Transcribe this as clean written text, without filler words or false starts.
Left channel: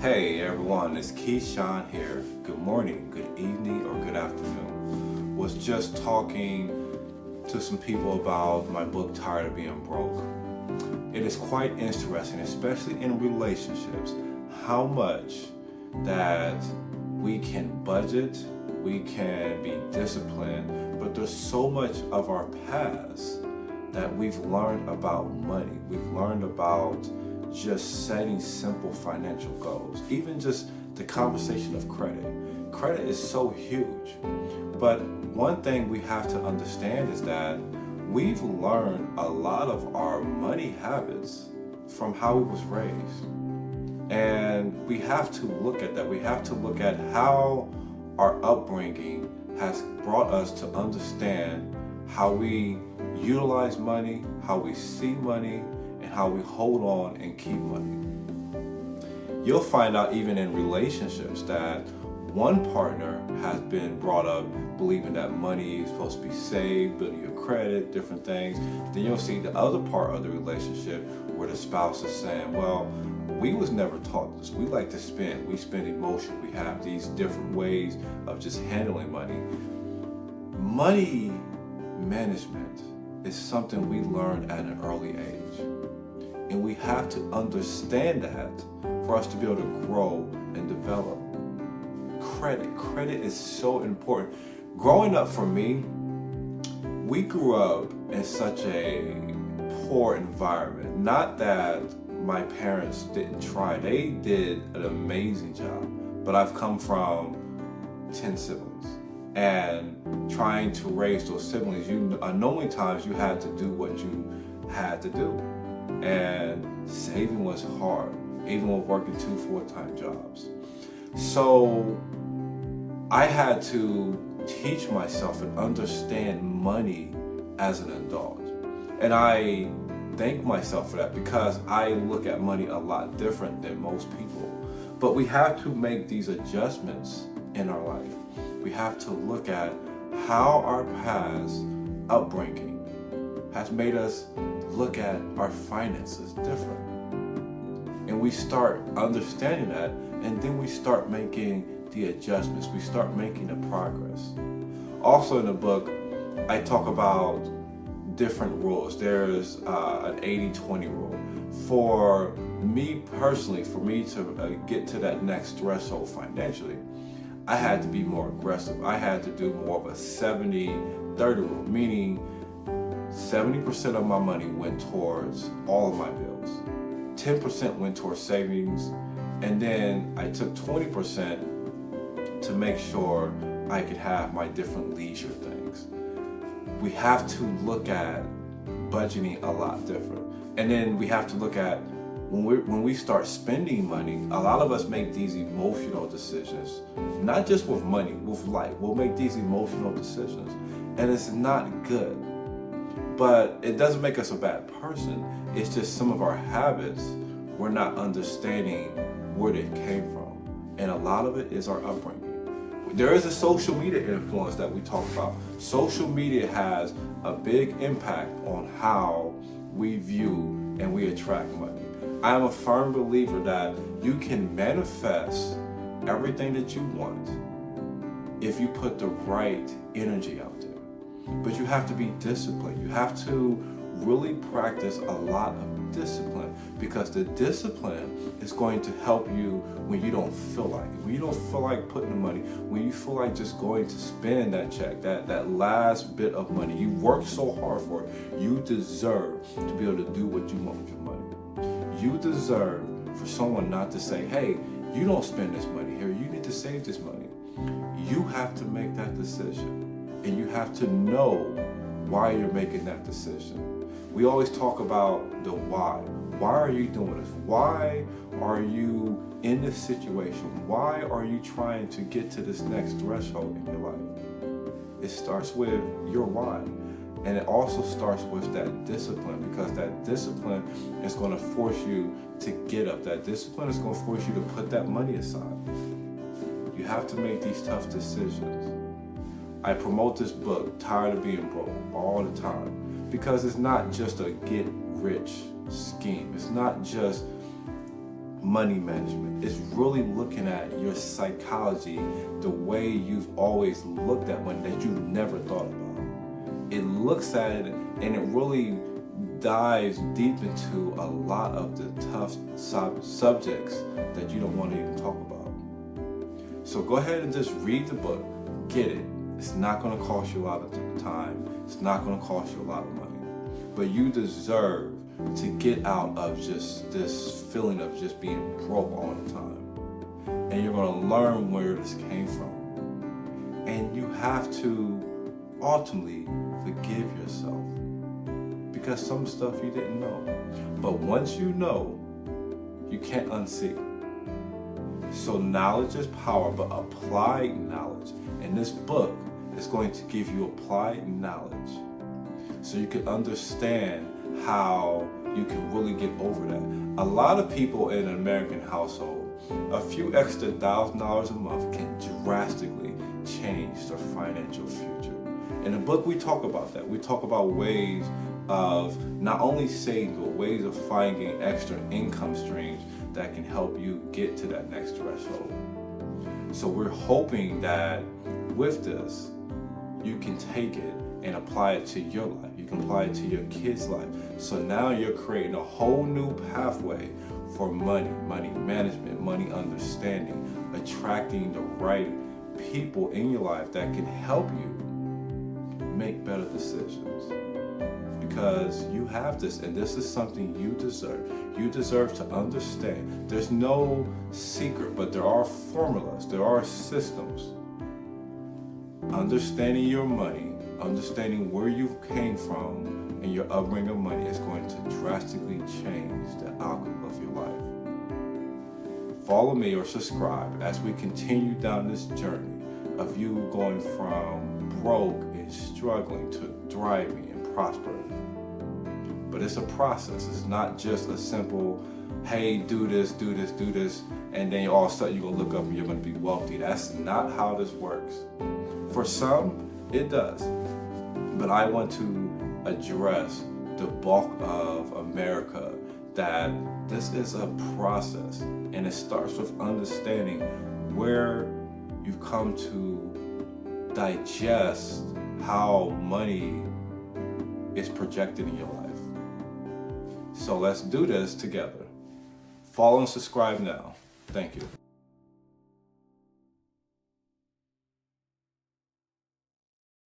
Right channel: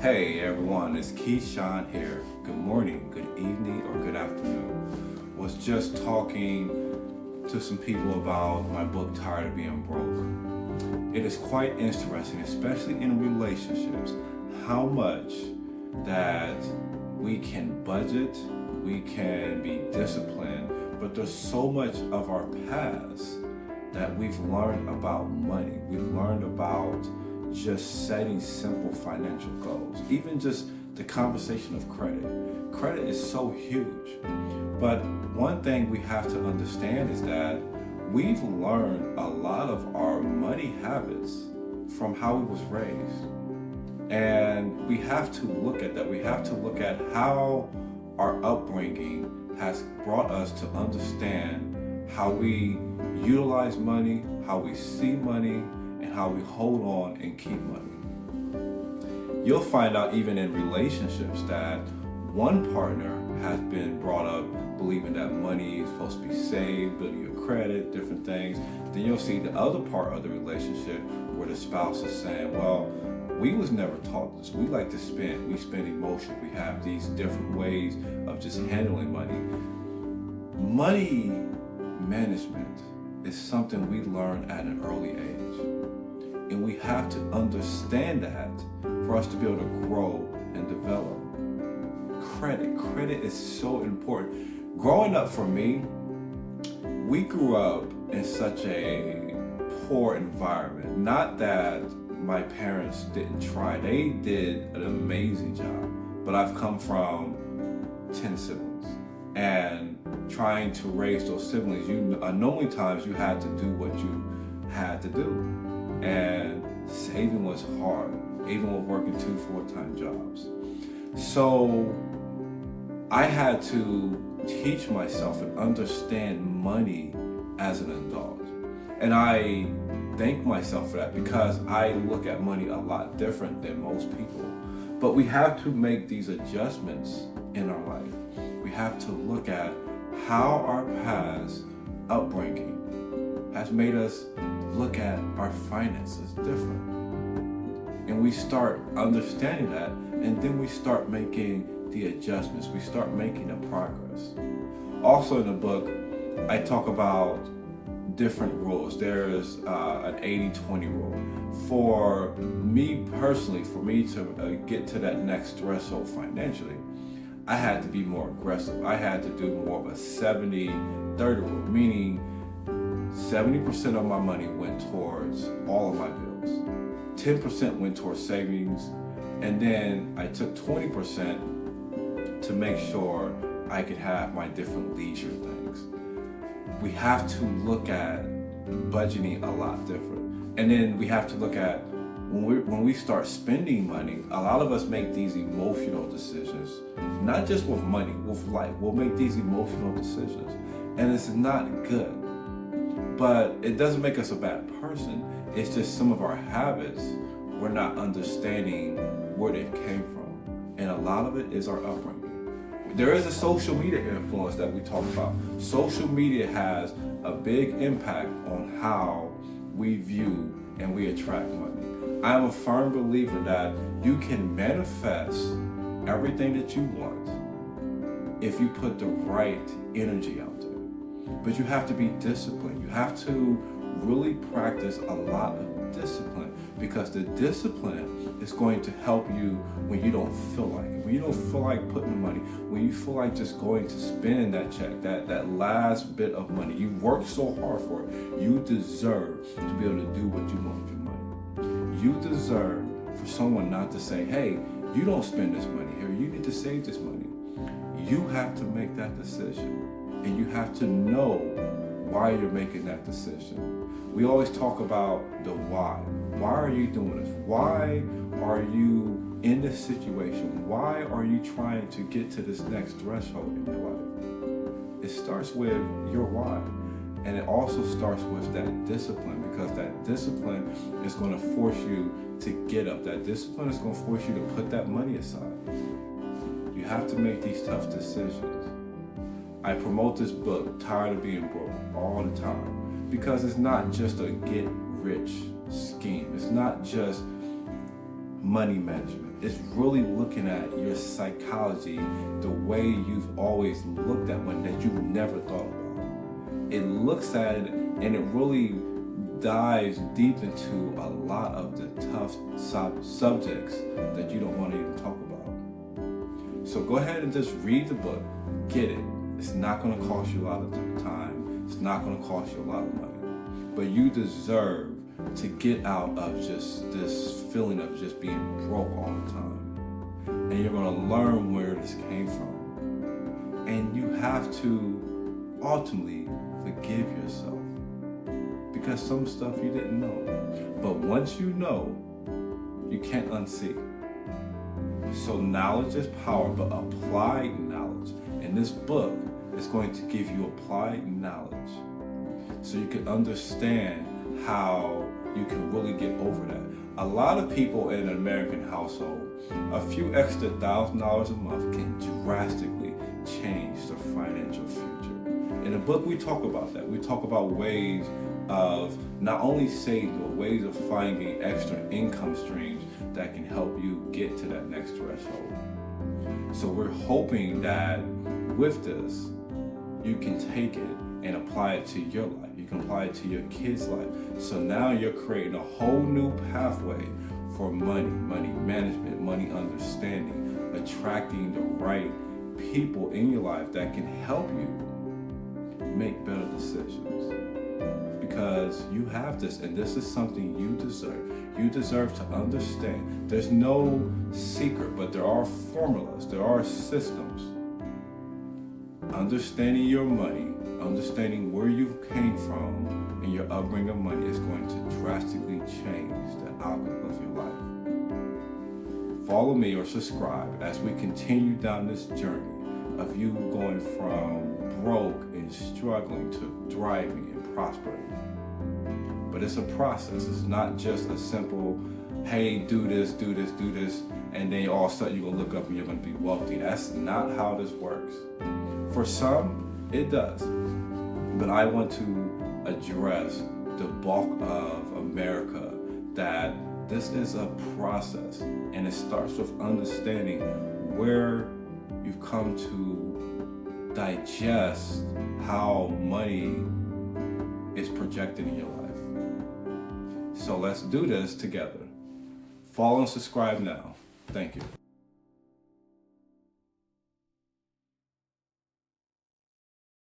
Hey everyone, it's Keyshawn here. Good morning, good evening, or good afternoon. Was just talking to some people about my book, Tired of Being Broke. It is quite interesting, especially in relationships, how much that we can budget, we can be disciplined, but there's so much of our past that we've learned about money. We've learned about just setting simple financial goals, even just the conversation of credit. Credit is so huge. But one thing we have to understand is that we've learned a lot of our money habits from how we was raised. And we have to look at that. We have to look at how our upbringing has brought us to understand how we utilize money, how we see money, and how we hold on and keep money. You'll find out even in relationships that one partner has been brought up believing that money is supposed to be saved, building your credit, different things. Then you'll see the other part of the relationship where the spouse is saying, well, we was never taught this. We like to spend. We spend emotion. We have these different ways of just handling money. Money management is something we learn at an early age. And we have to understand that for us to be able to grow and develop. Credit is so important. Growing up for me, we grew up in such a poor environment. Not that my parents didn't try. They did an amazing job. But I've come from 10 siblings. And trying to raise those siblings, normally times you had to do what you had to do. And saving was hard, even with working 2 full-time jobs. So I had to teach myself and understand money as an adult. And I thank myself for that because I look at money a lot different than most people. But we have to make these adjustments in our life. We have to look at how our past upbringing has made us look at our finances different. And we start understanding that, and then we start making the adjustments. We start making the progress. Also in the book, I talk about different rules. There's an 80-20 rule. For me personally, for me to get to that next threshold financially, I had to be more aggressive. I had to do more of a 70-30 rule, meaning 70% of my money went towards all of my bills. 10% went towards savings. And then I took 20% to make sure I could have my different leisure things. We have to look at budgeting a lot different. And then we have to look at when we start spending money, a lot of us make these emotional decisions, not just with money, with life. We'll make these emotional decisions. And it's not good. But it doesn't make us a bad person. It's just some of our habits, we're not understanding where they came from. And a lot of it is our upbringing. There is a social media influence that we talk about. Social media has a big impact on how we view and we attract money. I am a firm believer that you can manifest everything that you want if you put the right energy out there. But you have to be disciplined. You have to really practice a lot of discipline because the discipline is going to help you when you don't feel like it, when you don't feel like putting the money, when you feel like just going to spend that check, that last bit of money. You worked so hard for it. You deserve to be able to do what you want with your money. You deserve for someone not to say, hey, you don't spend this money here. You need to save this money. You have to make that decision. And you have to know why you're making that decision. We always talk about the why. Why are you doing this? Why are you in this situation? Why are you trying to get to this next threshold in your life? It starts with your why. And it also starts with that discipline because that discipline is going to force you to get up. That discipline is going to force you to put that money aside. You have to make these tough decisions. I promote this book, Tired of Being Broke, all the time because it's not just a get rich scheme. It's not just money management. It's really looking at your psychology, the way you've always looked at money that you never thought about. It looks at it and it really dives deep into a lot of the tough subjects that you don't want to even talk about. So go ahead and just read the book, get it. It's not going to cost you a lot of time. It's not going to cost you a lot of money. But you deserve to get out of just this feeling of just being broke all the time. And you're going to learn where this came from. And you have to ultimately forgive yourself, because some stuff you didn't know. But once you know, you can't unsee. So knowledge is power, but applied knowledge. And this book is going to give you applied knowledge so you can understand how you can really get over that. A lot of people in an American household, a few extra $1,000 a month can drastically change their financial future. In the book, we talk about that. We talk about ways of not only saving, but ways of finding extra income streams that can help you get to that next threshold. So we're hoping that with this, you can take it and apply it to your life. You can apply it to your kids' life. So now you're creating a whole new pathway for money management, money understanding, attracting the right people in your life that can help you make better decisions. Because you have this, and this is something you deserve. You deserve to understand. There's no secret, but there are formulas, there are systems. Understanding your money, understanding where you came from, and your upbringing of money is going to drastically change the outcome of your life. Follow me or subscribe as we continue down this journey of you going from broke and struggling to thriving and prospering. But it's a process. It's not just a simple, hey, do this, and then all of a sudden you're gonna look up and you're gonna be wealthy. That's not how this works. For some, it does. But I want to address the bulk of America that this is a process, and it starts with understanding where you've come to digest how money is projected in your life. So let's do this together. Follow and subscribe now. Thank you.